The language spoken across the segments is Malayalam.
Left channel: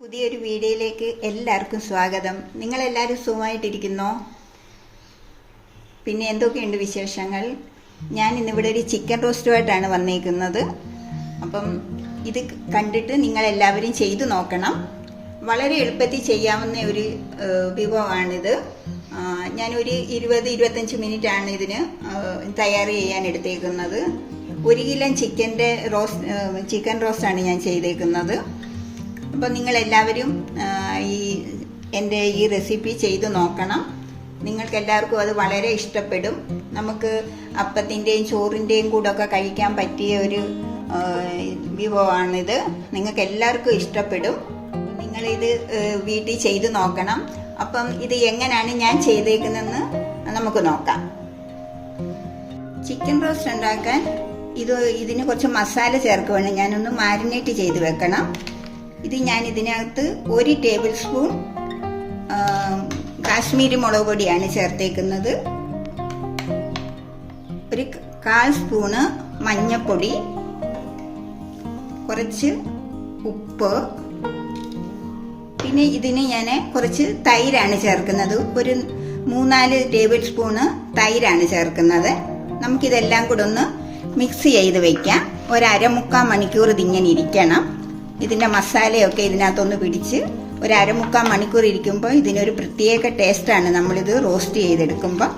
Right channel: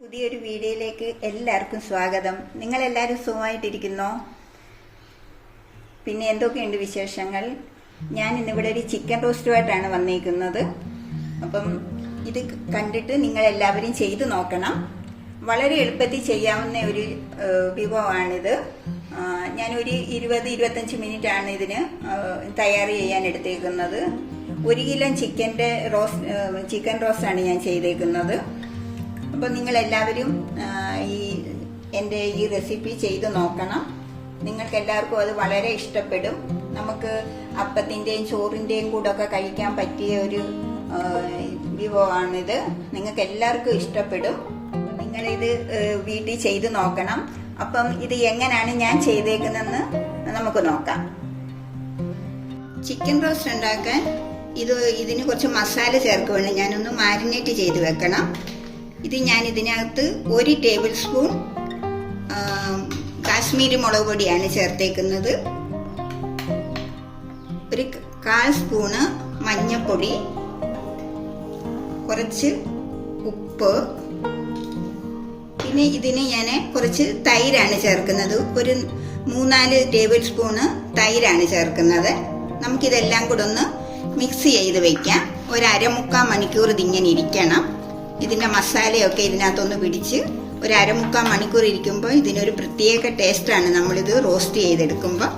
പുതിയൊരു വീഡിയോയിലേക്ക് എല്ലാവർക്കും സ്വാഗതം. നിങ്ങളെല്ലാവരും സുഖമായിട്ടിരിക്കുന്നോ? പിന്നെ എന്തൊക്കെയുണ്ട് വിശേഷങ്ങൾ? ഞാൻ ഇന്നിവിടെ ഒരു ചിക്കൻ റോസ്റ്റുമായിട്ടാണ് വന്നിരിക്കുന്നത്. അപ്പം ഇത് കണ്ടിട്ട് നിങ്ങളെല്ലാവരും ചെയ്തു നോക്കണം. വളരെ എളുപ്പത്തിൽ ചെയ്യാവുന്ന ഒരു വിഭവമാണിത്. ഞാനൊരു 20-25 മിനിറ്റാണ് ഇതിന് തയ്യാർ ചെയ്യാൻ എടുത്തേക്കുന്നത്. 1 കിലോ ചിക്കൻ റോസ്റ്റാണ് ഞാൻ ചെയ്തേക്കുന്നത്. അപ്പോൾ നിങ്ങളെല്ലാവരും എൻ്റെ ഈ റെസിപ്പി ചെയ്തു നോക്കണം. നിങ്ങൾക്ക് എല്ലാവർക്കും അത് വളരെ ഇഷ്ടപ്പെടും. നമുക്ക് അപ്പത്തിൻ്റെയും ചോറിൻ്റെയും കൂടെ ഒക്കെ കഴിക്കാൻ പറ്റിയ ഒരു വിഭവമാണിത്. നിങ്ങൾക്ക് എല്ലാവർക്കും ഇഷ്ടപ്പെടും. നിങ്ങളിത് വീട്ടിൽ ചെയ്തു നോക്കണം. അപ്പം ഇത് എങ്ങനെയാണ് ഞാൻ ചെയ്തേക്കുന്നതെന്ന് നമുക്ക് നോക്കാം. ചിക്കൻ റോസ്റ്റ് ഉണ്ടാക്കാൻ ഇതിന് കുറച്ച് മസാല ചേർക്കുകയാണ്. ഞാനൊന്ന് മാരിനേറ്റ് ചെയ്ത് വെക്കണം. ഇത് ഞാൻ ഇതിനകത്ത് 1 ടേബിൾ സ്പൂൺ കാശ്മീരി മുളക് പൊടിയാണ് ചേർത്തേക്കുന്നത്. 1/4 സ്പൂണ് മഞ്ഞൾപ്പൊടി, കുറച്ച് ഉപ്പ്, പിന്നെ ഇതിന് ഞാൻ കുറച്ച് തൈരാണ് ചേർക്കുന്നത്. ഒരു 3-4 ടേബിൾ സ്പൂണ് തൈരാണ് ചേർക്കുന്നത്. നമുക്കിതെല്ലാം കൂടെ ഒന്ന് മിക്സ് ചെയ്ത് വെക്കാം. 1/2-3/4 മണിക്കൂർ ഇതിങ്ങനെ ഇരിക്കണം. ഇതിൻ്റെ മസാലയൊക്കെ ഇതിനകത്തൊന്ന് പിടിച്ച് 1/2-3/4 മണിക്കൂർ ഇരിക്കുമ്പോൾ ഇതിനൊരു പ്രത്യേക ടേസ്റ്റാണ് നമ്മളിത് റോസ്റ്റ് ചെയ്തെടുക്കുമ്പോൾ.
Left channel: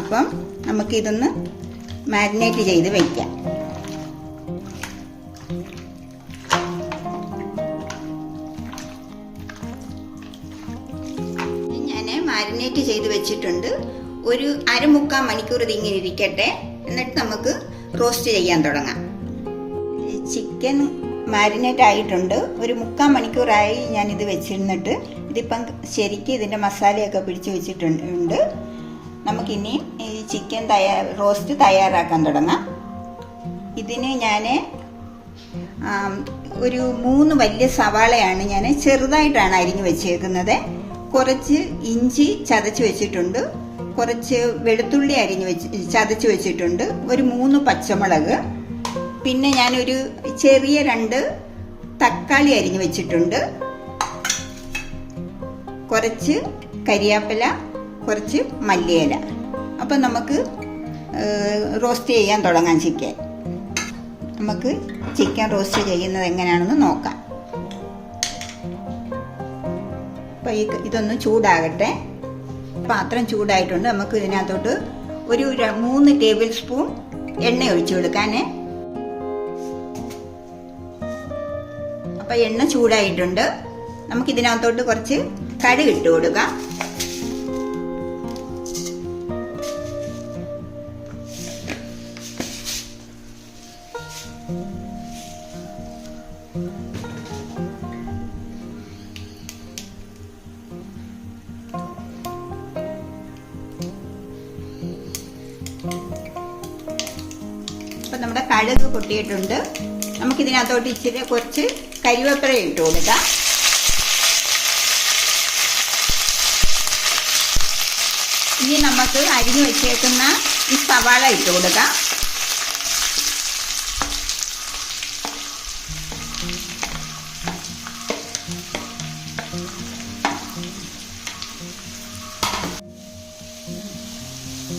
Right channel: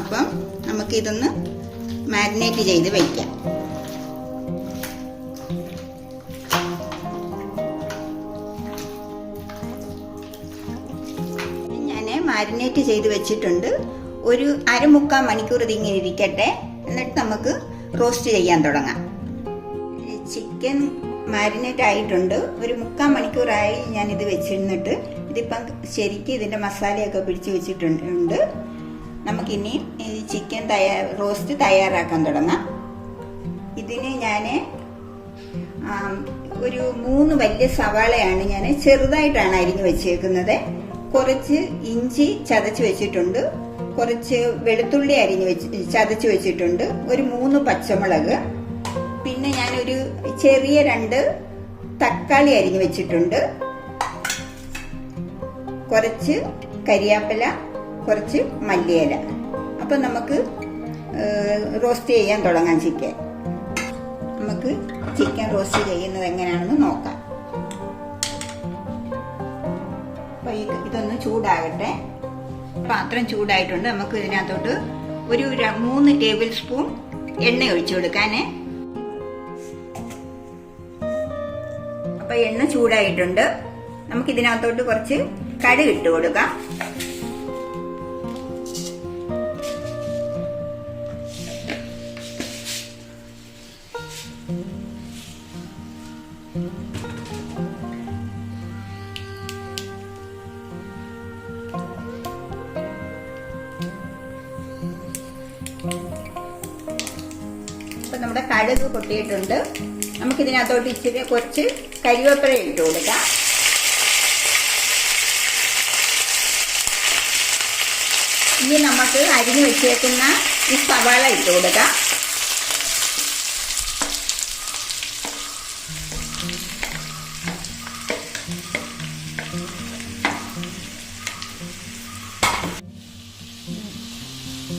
അപ്പം നമുക്കിതൊന്ന് മാരിനേറ്റ് ചെയ്ത് വയ്ക്കാം. ഞാൻ മാരിനേറ്റ് ചെയ്ത് വെച്ചിട്ടുണ്ട്. ഒരു 1/2-3/4 മണിക്കൂർ ഇതിങ്ങനെ ഇരിക്കട്ടെ. എന്നിട്ട് നമുക്ക് റോസ്റ്റ് ചെയ്യാൻ തുടങ്ങാം. ചിക്കൻ മാരിനേറ്റ് ആയിട്ടുണ്ട്. ഒരു 3/4 മണിക്കൂറായി ഞാനിത് വെച്ചിരുന്നിട്ട്. ഇതിപ്പം ശരിക്കും ഇതിൻ്റെ മസാലയൊക്കെ പിടിച്ച് വെച്ചിട്ടുണ്ട്. നമുക്കിനി ഈ ചിക്കൻ റോസ്റ്റ് തയ്യാറാക്കാൻ തുടങ്ങാം. ഇതിന് ഞാൻ ഒരു 3 വലിയ സവാളയാണ് ഞാൻ ചെറുതായിട്ടാണ് അരിഞ്ഞു വെച്ചേക്കുന്നത്. കുറച്ച് ഇഞ്ചി ചതച്ച് വെച്ചിട്ടുണ്ട്, കുറച്ച് വെളുത്തുള്ളി ചതച്ച് വെച്ചിട്ടുണ്ട്, ഒരു 3 പച്ചമുളക്, പിന്നെ ഞാനൊരു ചെറിയ 2 തക്കാളി അരിഞ്ഞു വെച്ചിട്ടുണ്ട്, കുറച്ച് കരിയാപ്പില, കുറച്ച് മല്ലിയില. അപ്പം നമുക്ക് റോസ്റ്റ് ചെയ്യാൻ തുടങ്ങാം. നമുക്ക് ചിക്കൻ റോസ്റ്റ് ചെയ്യുന്നത് എങ്ങനെയാണെന്ന് നോക്കാം. അപ്പം ഇതൊന്ന് ചൂടാകട്ടെ. പാത്രം ചൂടായിട്ടുണ്ട്. നമുക്ക് ഇതിനകത്തോട്ട് ഒരു 3 ടേബിൾ സ്പൂൺ എണ്ണ ഒഴിച്ചു കൊടുക്കാനേ. അപ്പം എണ്ണ ചൂടായിട്ടുണ്ട്. നമുക്കിതിനകത്തോട്ട് കുറച്ച് കടുക് ഇട്ട് കൊടുക്കാം. അപ്പൊ നമ്മുടെ കടുക് പൊട്ടിയിട്ടുണ്ട്. നമുക്കിതിനകത്തോട്ട് ഇച്ചിരി കുറച്ച് കരിവേപ്പില ഇട്ട് കൊടുക്കാം. ഇനി നമുക്ക് അരിഞ്ഞു വെച്ചേക്കുന്ന ഈ സവാള ഇട്ട് കൊടുക്കാം.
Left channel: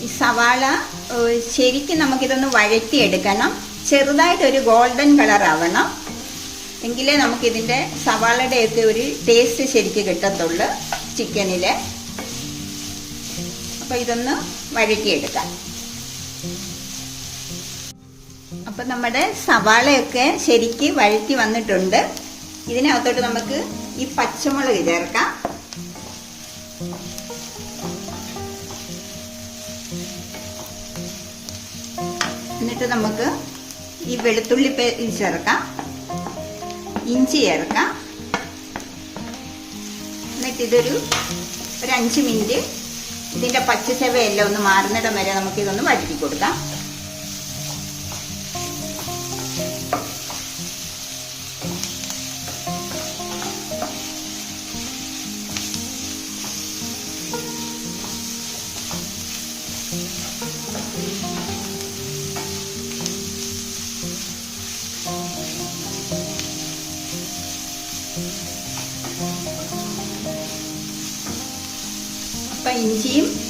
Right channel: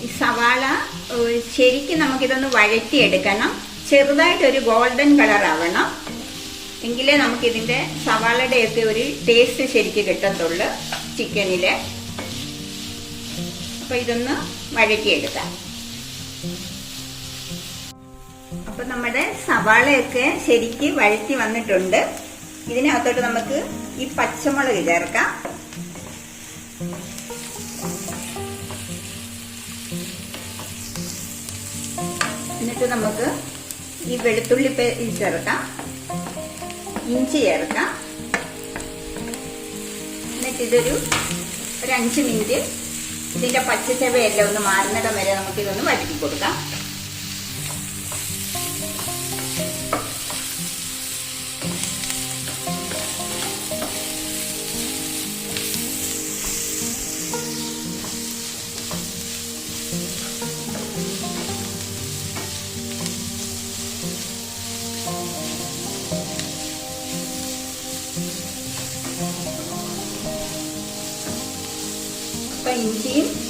ഈ സവാള ശരിക്കും നമുക്കിതൊന്ന് വഴറ്റിയെടുക്കണം. ചെറുതായിട്ടൊരു ഗോൾഡൻ കളർ ആവണം. എങ്കിലേ നമുക്കിതിൻ്റെ സവാളയുടെയൊക്കെ ഒരു ടേസ്റ്റ് ശരിക്കും കിട്ടത്തുള്ളൂ ചിക്കനില്. അപ്പൊ ഇതൊന്ന് വഴറ്റിയെടുക്കാം. അപ്പൊ നമ്മുടെ സവാളയൊക്കെ ശരിക്ക് വഴറ്റി വന്നിട്ടുണ്ട്. ഇതിനകത്തോട്ട് നമുക്ക് ഈ പച്ചമുളക് ചേർക്കാം. എന്നിട്ട് നമുക്ക് ഈ വെളുത്തുള്ളി ചേർക്കാം, ഇഞ്ചി ചേർക്കാം. എന്നിട്ട് ഇതൊരു 5 മിനിറ്റ് ഇതിന്റെ പച്ചച്ചവയെല്ലാം ഒന്ന് മാറുന്നിടം വരെ നമുക്കിതൊന്ന് വഴറ്റി കൊടുക്കാം.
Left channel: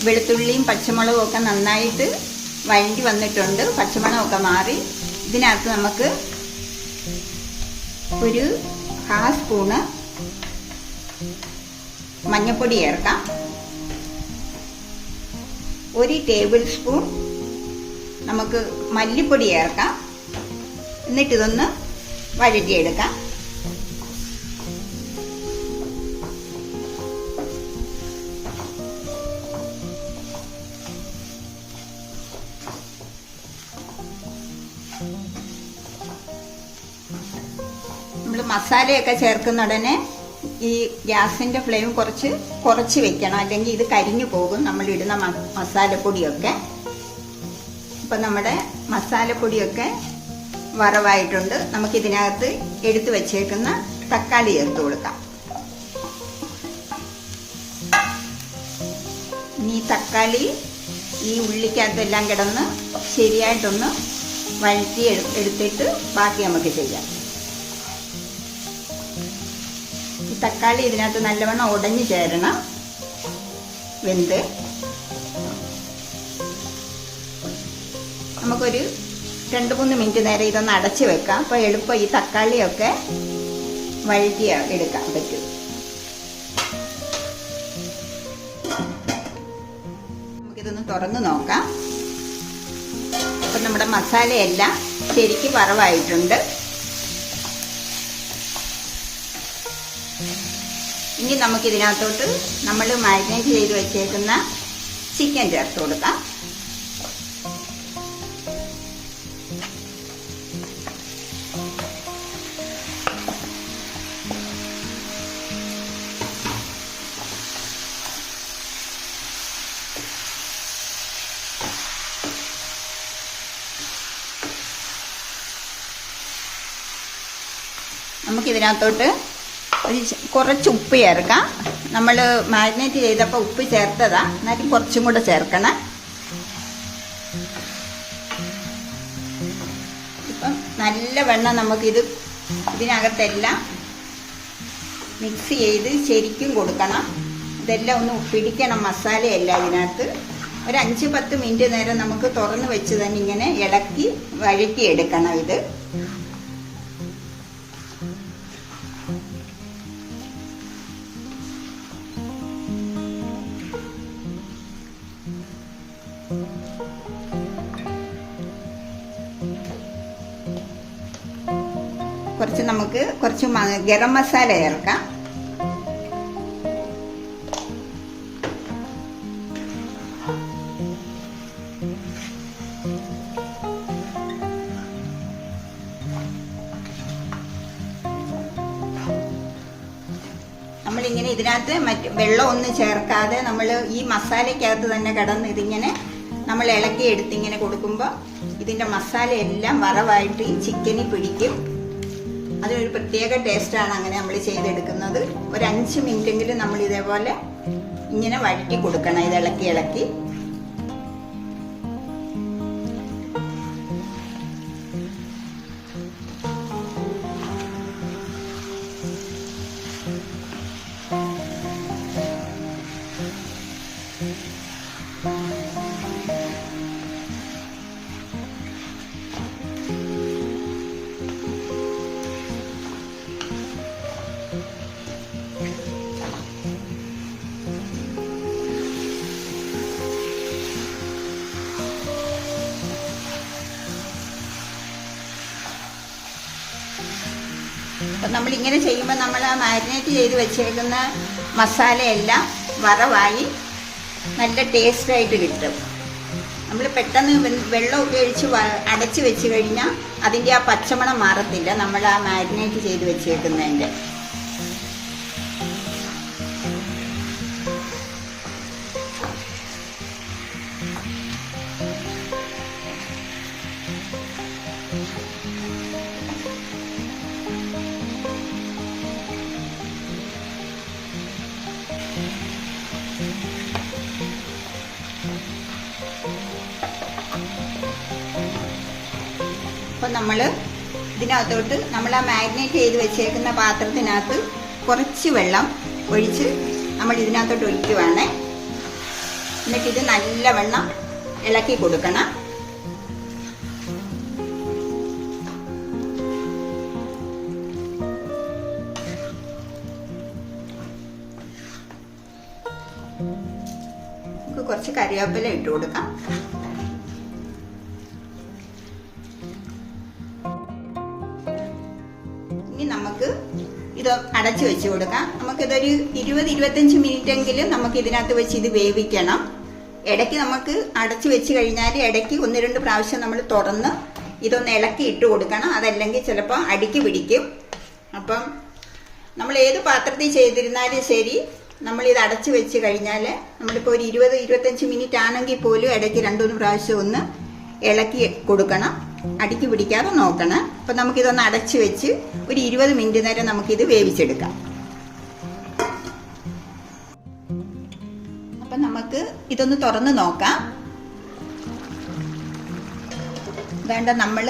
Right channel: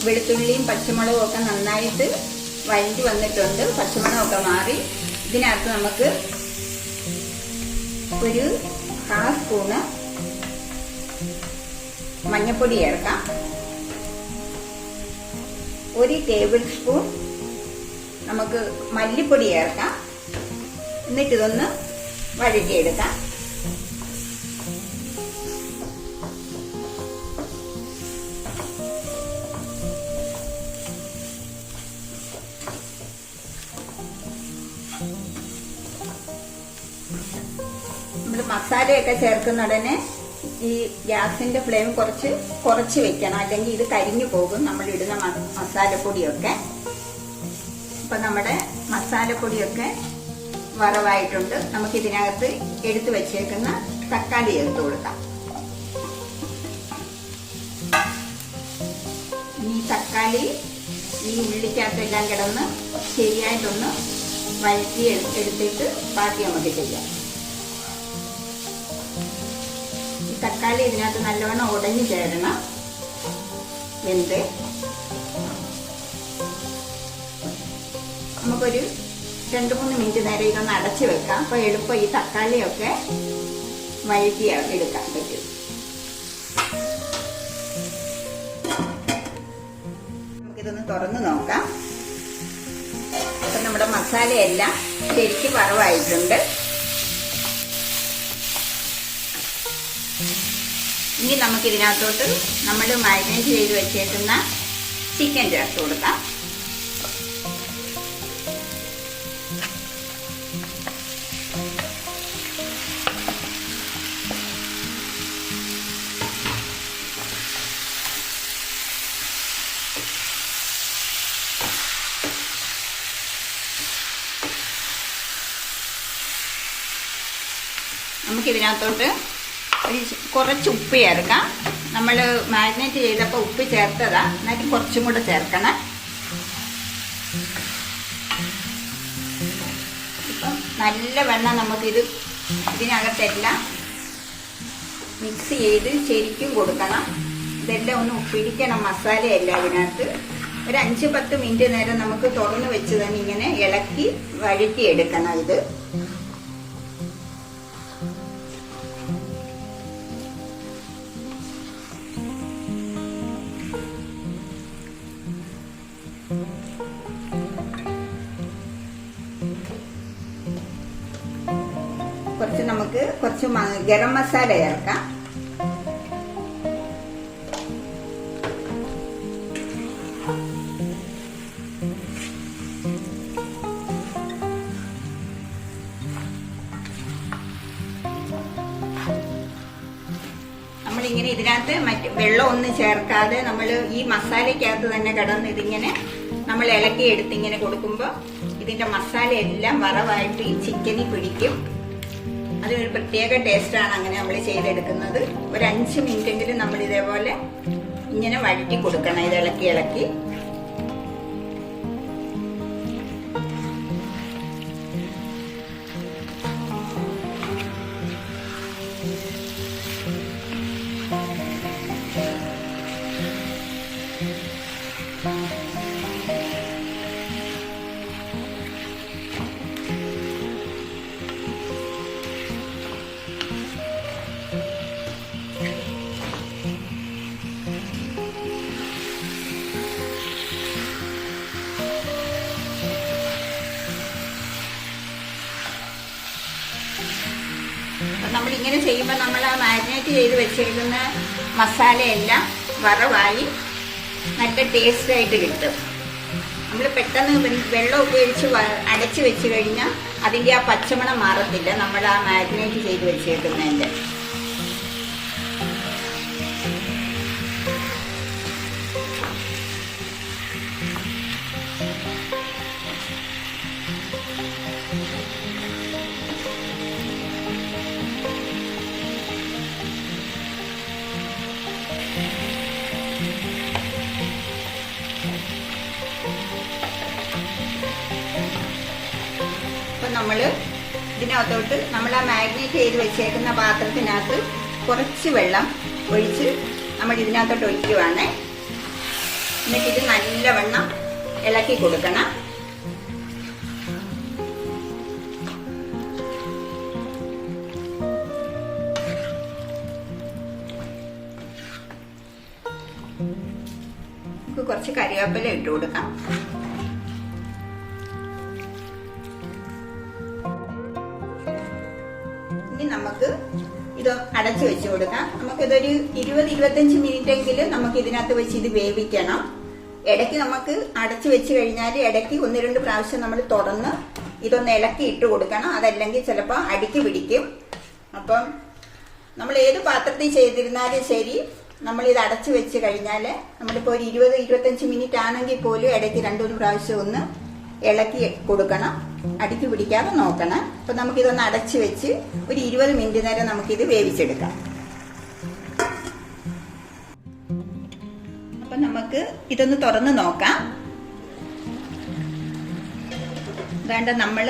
വെളുത്തുള്ളിയും പച്ചമുളകും ഒക്കെ നന്നായിട്ട് വഴറ്റി വന്നിട്ടുണ്ട്. പച്ചമണമൊക്കെ മാറി. ഇതിനകത്ത് നമുക്ക് ഒരു 1/2 സ്പൂണ് മഞ്ഞൾപ്പൊടി ചേർക്കാം. 1 ടേബിൾ സ്പൂൺ നമുക്ക് മല്ലിപ്പൊടി ചേർക്കാം. എന്നിട്ട് ഇതൊന്ന് വഴറ്റിയെടുക്കാം. നമ്മൾ മസാലയൊക്കെ ചേർക്കുന്ന ഉടനെ ഈ ഗ്യാസിന്റെ ഫ്ലെയിം കുറച്ച് വെക്കണം, അല്ലെങ്കിൽ ഇത് കരിഞ്ഞു പോകും നമ്മൾ ഇടുന്ന മസാലപ്പൊടിയൊക്കെ. അപ്പൊ നമ്മുടെ മസാലപ്പൊടിയൊക്കെ വറവായിട്ടുണ്ട്. നമുക്ക് ഇതിനകത്ത് എടുത്തു വെച്ചേക്കുന്ന തക്കാളി ചേർത്ത് കൊടുക്കാം. ഈ തക്കാളി ഈ ഉള്ളിക്കകത്തെല്ലാം കിടന്ന് ശരിയായിട്ടൊന്ന് വഴറ്റി എടുത്തിട്ട് ബാക്കി നമുക്ക് ചെയ്യാം. ഈ തക്കാളി ഇതിനകത്ത് നല്ലവണ്ണം ഉടഞ്ഞു ചേരണം, വെന്ത്. നമുക്കൊരു 2-3 മിനിറ്റ് നേരം ഇതൊന്ന് അടച്ചു വെക്കാം. അപ്പൊ എളുപ്പം ഈ തക്കാളിയൊക്കെ വഴറ്റി എടുക്കാൻ പറ്റും. നമുക്കിതൊന്ന് തുറന്ന് നോക്കാം. അപ്പൊ നമ്മുടെ മസാലയെല്ലാം ശരിക്കും വറവായിട്ടുണ്ട്. ഇനി നമുക്ക് ഇതിനകത്തോട്ട് നമ്മൾ മാരിനേറ്റ് ചെയ്ത് വെച്ചേക്കുന്ന ചിക്കൻ ചേർത്ത് കൊടുക്കാം. നമുക്കിതിനകത്തോട്ട് കുറച്ച് ഉപ്പ് ചേർക്കാം. നമ്മൾ മാരിനേറ്റ് ചെയ്തപ്പോൾ ഉപ്പ് ചേർത്തതാ, എന്നാലും കുറച്ചും കൂടെ ചേർക്കണം. ഇപ്പം നല്ല വെള്ളം നമുക്കിത് ഇതിനകത്തെല്ലാം മിക്സ് ചെയ്ത് ശരിക്കും കൊടുക്കണം. ഇതെല്ലാം ഒന്ന് പിടിക്കണം മസാലയെല്ലാം ഇതിനകത്ത്. ഒരു 5-10 മിനിറ്റ് നേരം നമുക്ക് തുറന്ന് വെച്ച് തന്നെ ഇങ്ങനെ ഇളക്കി വഴറ്റി എടുക്കണം ഇത്. നമുക്ക് കുറച്ച് ഗരം മസാല ചേർക്കാം. നമ്മളിങ്ങനെ ഇതിനകത്ത് വെള്ളം ഒന്നും ചേർക്കാതെ നമ്മൾ ഈ മസാലയ്ക്കകത്ത് തന്നെ കിടന്ന് ഇതിങ്ങനെ നമ്മൾ ഇളക്കി എടുത്ത് ഇങ്ങനെ കൊടുക്കുമ്പോൾ ഇതിന്റെ മസാല എല്ലാം വറവായിട്ട് ഈ ചിക്കനിൽ പിടിക്കും. അതിനൊരു പ്രത്യേക ടേസ്റ്റാണ് അങ്ങനെ നമ്മൾ ചെയ്തെടുക്കുന്നത്. ഒരു 5 മിനിറ്റെങ്കിലും നമ്മൾ ഇതേപോലെ ഇങ്ങനെ വഴറ്റി കൊടുക്കണം, ഇത് ഇളക്കി ഇളക്കി. നമ്മളിങ്ങനെ ചെയ്യുമ്പോൾ നമ്മൾ ആ മാരിനേറ്റ് ചെയ്ത് വെച്ചേക്കുന്ന മസാലയെല്ലാം വറവായി നല്ല ടേസ്റ്റായിട്ട് കിട്ടും. നമ്മൾ പെട്ടെന്ന് വെള്ളമൊക്കെ ഒഴിച്ച് അടച്ച് വെച്ച് കഴിഞ്ഞാൽ അതിൻ്റെ ആ പച്ചമണം മാറത്തില്ല, നമ്മൾ ആ മാരിനേറ്റ് ചെയ്ത് വെച്ചേക്കുന്നതിൻ്റെ. അപ്പം നമ്മൾ ഇതിനകത്തോട്ട് നമ്മൾ ആ മാരിനേറ്റ് ചെയ്ത് വെച്ചേക്കുന്ന പാത്രത്തിനകത്ത് കുറച്ച് വെള്ളം ഒഴിച്ച് നമ്മൾ ഇതിനകത്തോട്ട് ഒഴിക്കുവാണ്. എന്നിട്ട് ഇത് നല്ലവണ്ണം ഇളക്കി കൊടുക്കണം. നമുക്ക് കുറച്ച് കറിവേപ്പില ഇട്ട് കൊടുക്കാം. ഇനി നമുക്ക് ഇത് അടച്ചു വെച്ച് കൊടുക്കാം. നമുക്കിതൊരു 20-25 മിനിറ്റ് എങ്കിലും നമുക്ക് ഇതിനകത്ത് വെച്ച് ഇത് വേവിക്കണം. ഇടയ്ക്ക് നമുക്ക് അടച്ചു വെച്ച് കഴിഞ്ഞാൽ ഇടയ്ക്ക് 1-2 പ്രാവശ്യം നമ്മൾ തുറന്ന് ഇതൊന്ന് ഇളക്കി ഇട്ട് കൊടുക്കണം. അതല്ലെങ്കിൽ ചിലപ്പോൾ അടിക്ക് പിടിക്കും. അപ്പം നമ്മൾ ഏത് പാത്രത്തിൽ ചെയ്തിരുന്നാലും ശരി, നമ്മളിത് അടച്ചു വെച്ച് കഴിഞ്ഞാൽ നമ്മളിപ്പോൾ ഒരു 20-25 മിനിറ്റ് ആണെങ്കിൽ പോലും ഇടയ്ക്ക് 2-3 പ്രാവശ്യം ഒന്ന് ഇളക്കി കൊടുക്കണം. അടിക്ക് പിടിക്കാതെ നോക്കണം. അപ്പം നമുക്കിതൊന്ന് അടച്ചു വെച്ച് ഒരു 20 മിനിറ്റ് നേരം നമുക്കിത് വേവിച്ചെടുക്കാം. അപ്പം നമുക്ക് ഇതൊന്ന് തുറന്ന് നോക്കാം. അതുകൊണ്ട് നമ്മൾ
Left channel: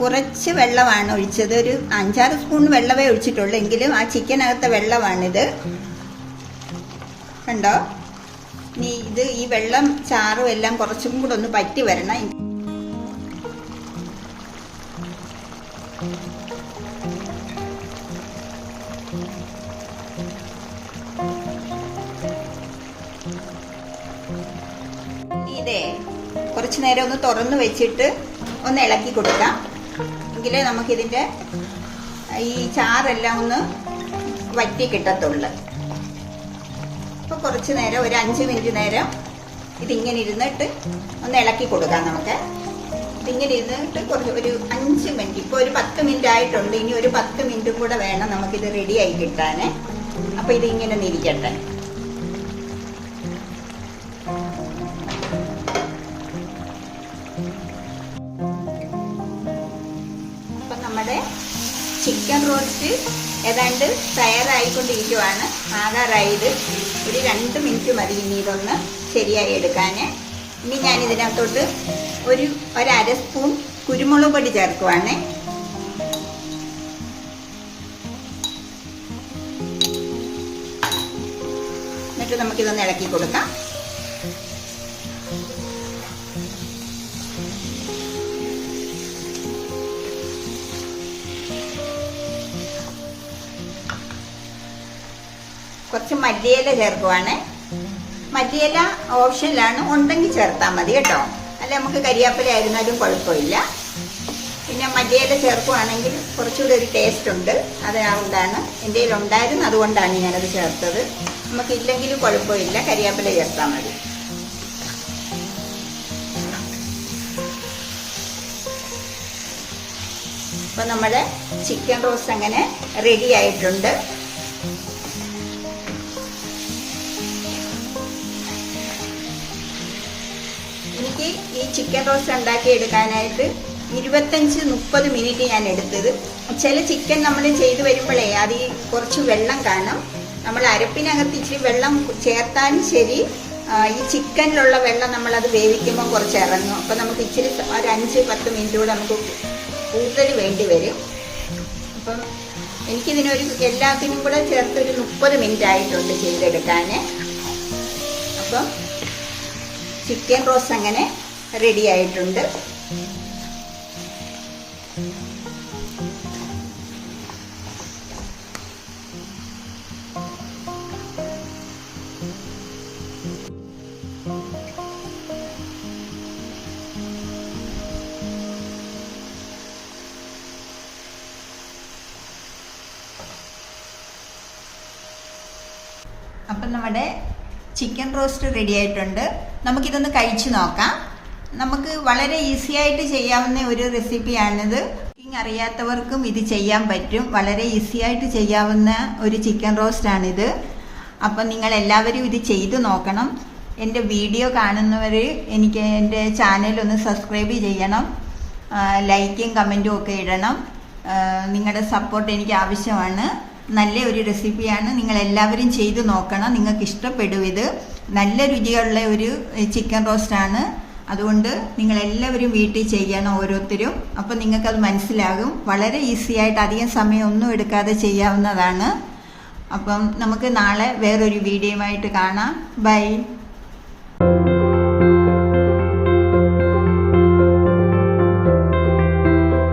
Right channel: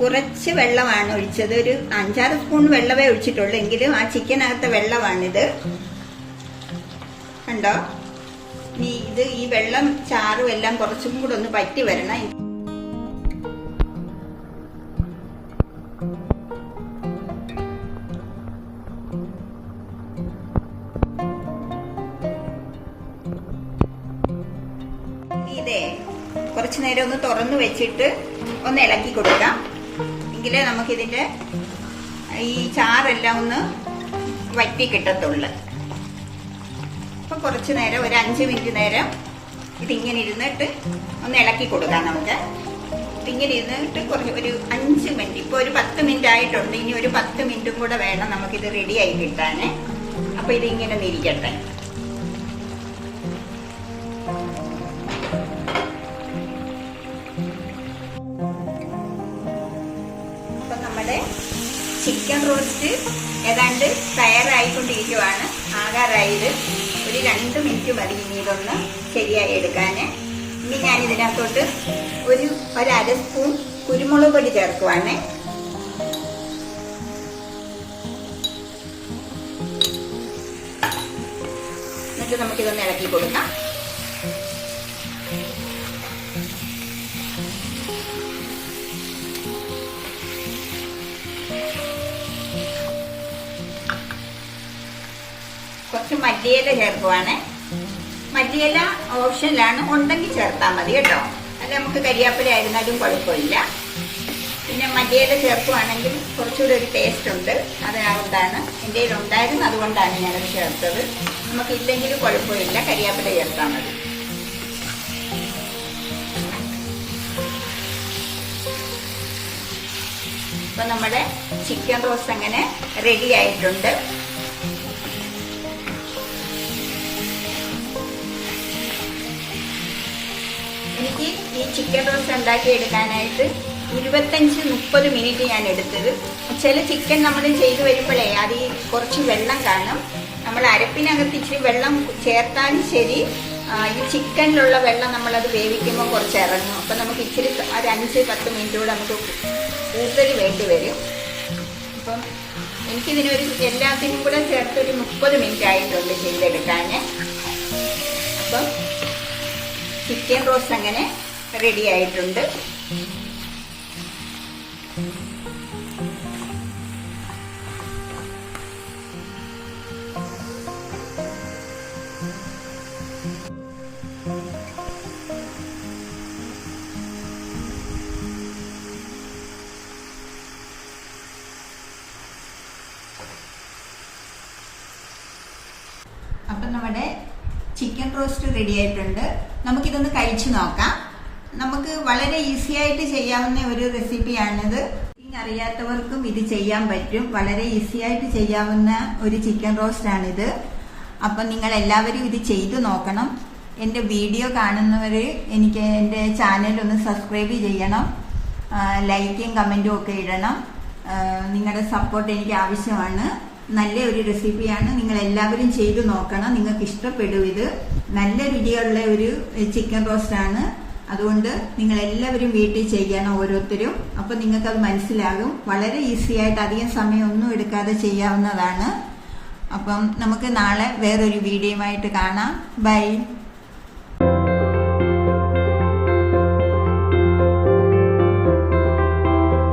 കുറച്ച് വെള്ളമാണ് ഒഴിച്ചത്. ഒരു 5-6 സ്പൂൺ വെള്ളമേ ഒഴിച്ചിട്ടുള്ളൂ. എങ്കിലും ആ ചിക്കനകത്തെ വെള്ളമാണിത്. കണ്ടോ? ഇനി ഈ വെള്ളം ചാറും എല്ലാം കുറച്ചും കൂടെ ഒന്ന് പറ്റി വരണം. ഇതേ കുറച്ചു നേരം ഒന്ന് തുറന്നു വെച്ചിട്ട് ഒന്ന് ഇളക്കി കൊടുക്കാം. എങ്കിലേ നമുക്കിതിന്റെ ഈ ചാറെല്ലാം ഒന്ന് വറ്റി കിട്ടത്തുള്ളു. അപ്പൊ കുറച്ചു നേരം ഒരു 5 മിനിറ്റ് നേരം ഇതിങ്ങനെ ഇരുന്നിട്ട് ഒന്ന് ഇളക്കി കൊടുക്കാം. നമുക്ക് ഇങ്ങനെ ഇരുന്നിട്ട് ഒരു 5 മിനിറ്റ്, ഇപ്പൊ ഒരു 10 മിനിറ്റ് ആയിട്ടുണ്ട്. ഇനി ഒരു 10 മിനിറ്റും കൂടെ വേണം നമുക്കിത് റെഡി ആയി കിട്ടാന്. അപ്പൊ ഇത് ഇങ്ങനെ ഇരിക്കട്ടെ. അപ്പൊ നമ്മുടെ ചിക്കൻ റോസ്റ്റ് ഏതാണ്ട് തയ്യാറായിക്കൊണ്ടിരിക്കുവാണ്. ആകാറായത് ഒരു 2 മിനിറ്റ് മതി ഇനി ഇതൊന്ന് ശരിയായി എടുക്കാന്. ഇനി ഞാൻ ഇതിനകത്തോട്ട് ഒരു 1/2 സ്പൂൺ കുരുമുളക് പൊടി ചേർക്കുവാണ്. എന്നിട്ട് നമുക്കിതൊന്ന് ഇളക്കി കൊടുക്കാം. കുറച്ച് മല്ലിയില ചേർക്കുവാണ്. മല്ലിയില ഓപ്ഷനിലാണ്, ഉണ്ടെങ്കിൽ ചേർത്താൽ മതി കേട്ടോ. അല്ല നമുക്ക് കരിയാപ്പില ആയിരുന്നാലും കുഴപ്പമില്ല. പിന്നെ മല്ലിയില ചേർക്കുവാണെങ്കിൽ കുറച്ചുകൂടി ഒരു ടേസ്റ്റ് ഉണ്ട്. അതുകൊണ്ടാണ് എൻ്റെ കയ്യിൽ ഉണ്ടായിരുന്നു, അതുകൊണ്ടാണ് ഞാനത് ചേർത്തത്. നമുക്കില്ലെങ്കിലും കുഴപ്പമില്ല, കരിയാപ്പില ചേർത്താൽ മതി. അപ്പൊ നമ്മുടെ ചിക്കൻ റോസ്റ്റ് അങ്ങനെ റെഡി ആയിട്ടുണ്ട്. എനിക്ക് ഈ ചിക്കൻ റോസ്റ്റ് ഉണ്ടാക്കി എടുക്കാനായിട്ട് 25-30 മിനിറ്റ് ഞാൻ എടുത്തത്. ചില ചിക്കൻ നമ്മൾ ചെയ്ത് വരുമ്പോഴേ അത് കുറച്ച് വെള്ളം കാണും. നമ്മൾ അരപ്പിനകത്ത് ഇച്ചിരി വെള്ളം ചേർത്താലും ശരി, ഈ ചിക്കനിലുള്ള വെള്ളം നമ്മളത് വേവിക്കുമ്പോൾ കുറച്ച് ഇറങ്ങും. അപ്പം നമുക്ക് ഇച്ചിരി ഒരു 5-10 മിനിറ്റ് കൂടെ നമുക്ക് കൂടുതൽ വേണ്ടി വരും. അപ്പം എനിക്കിതിനൊരു എല്ലാത്തിനും കൂടെ ചേർത്തൊരു 30 മിനിറ്റ് ആയിട്ടുണ്ട് ചെയ്തെടുക്കാൻ. അപ്പം ചിക്കൻ റോസ്റ്റ് അങ്ങനെ റെഡി ആയിട്ടുണ്ട്. അപ്പം നമ്മുടെ ചിക്കൻ റോസ്റ്റ് റെഡി ആയിട്ടുണ്ട്. നമുക്കിതൊന്ന് കഴിച്ചു നോക്കാം. നമുക്ക് വളരെ ഈസി ആയിട്ട് ചെയ്യാവുന്ന ഒരു റെസിപ്പിയാണിത്. കുക്കിംഗ് അറിയാത്തവർക്കും ഇത് ചെയ്യാൻ പറ്റും. വളരെ ഈസി ആയിട്ട് ചെയ്യാവുന്ന ഒരു ചിക്കൻ റോസ്റ്റ് ആണിത്. അപ്പം നിങ്ങൾ എല്ലാവരും ഇത് ചെയ്തു നോക്കണം. എൻ്റെ വീഡിയോ കാണുന്നവർ എനിക്ക് എൻ്റെ ചാനൽ ഒന്ന് സബ്സ്ക്രൈബ് ചെയ്യണം. ലൈക്കും കമൻറ്റും ഒക്കെ ഇടണം. നിങ്ങളുടെ സപ്പോർട്ട് എനിക്ക് ആവശ്യമാണ്. നല്ല ഒരു റെസിപ്പിയാണ്. നിങ്ങൾ എല്ലാവരും ചെയ്തു നോക്കണം. നിങ്ങൾക്ക് ഇഷ്ടപ്പെടും. ഇത് നല്ല രുചിയുള്ള ഒരു ചിക്കൻ റോസ്റ്റ് ആണ്. അതുകൊണ്ട് നിങ്ങൾ എല്ലാവരും വീട്ടിൽ ചെയ്യണം, ഓരോരുത്തരും. അപ്പം നിങ്ങൾക്കത് മനസ്സിലാകും. വളരെ ഈസി ആയിട്ട് അധികം സമയം ഒന്നും എടുക്കാതെ ചെയ്യാവുന്നതാണ്. അപ്പം നമുക്ക് നാളെ വേറൊരു വീഡിയോയുമായിട്ട് കാണാം. ബൈ.